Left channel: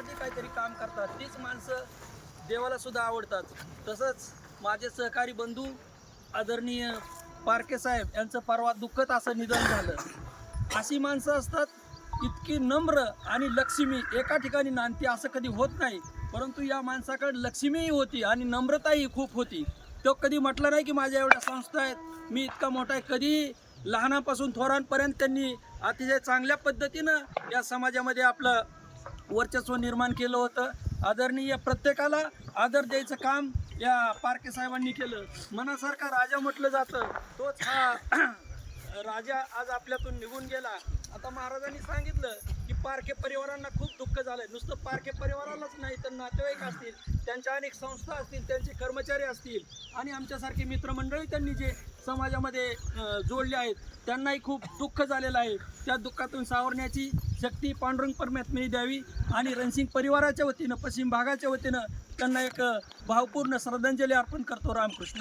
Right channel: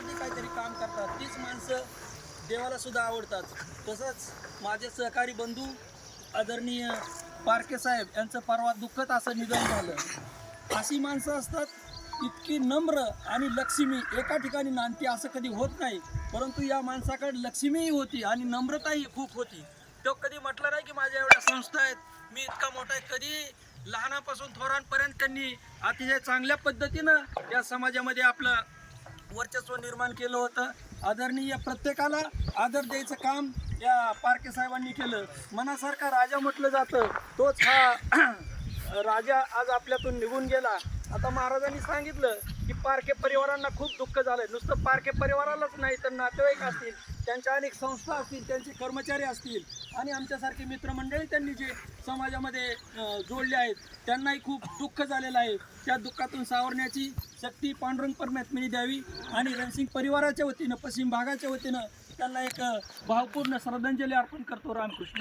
समाजासाठी काहीतरी काम करतात. तीच माणसं देवाला सुद्धा आवडतात. तसंच माझे सहकारी बंधू आदरणीय पारके साहेब यांचं परवा दुःखद असं निधन झालं. अशी माणसं असतात इतकी नम्र आणि लक्ष्मी. एका ठिकाणी नांदती असं कधी होत नाही. परंतु या माणसाकडे लक्ष्मीही होती आणि नम्रताही खूप होती. तो कधी म्हटलं नाही की माझ्या एवढ्या संस्था आहेत. मी इतका मोठा आहे. कधी लहानापासून थोरांपर्यंत त्यांनी अतिशय चांगल्या पद्धतीनं या समाजामध्ये आपलं वर्चस्व निर्माण केलं होतं. आदरणीय प्रत्येकाला आदर द्यायचं काम या पारके साहेबांनी केलं. मनासारखा राजा म्हटलं जातं. तोच हा राजा आज आपल्यातून निघून गेला. आता महाराजांनी सांगितलं पारखे परिवारांना खूप दुःख झालंय. नुसतं पारखे परिवारालाच नाही तर नातेवाईक असतील त्यांच्या अनेक संस्था असतील त्यांचे कर्मचारी असतील आणि आमच्यासारखे मित्रमंडळी त्यांनी जे समाजामध्ये जोडले आहेत त्यांनाही खूप दुःख झालेलं आहे. त्या दुःखातून सावरण्याची शक्ती पांडुरंग परमात्म्याने द्यावी आणि रणसिंग परिवाराच्या वतीनं पश्चिम भागाच्या वतीनं त्यांना एक भावपूर्ण श्रद्धांजली अर्पण करतो रामकृष्ण.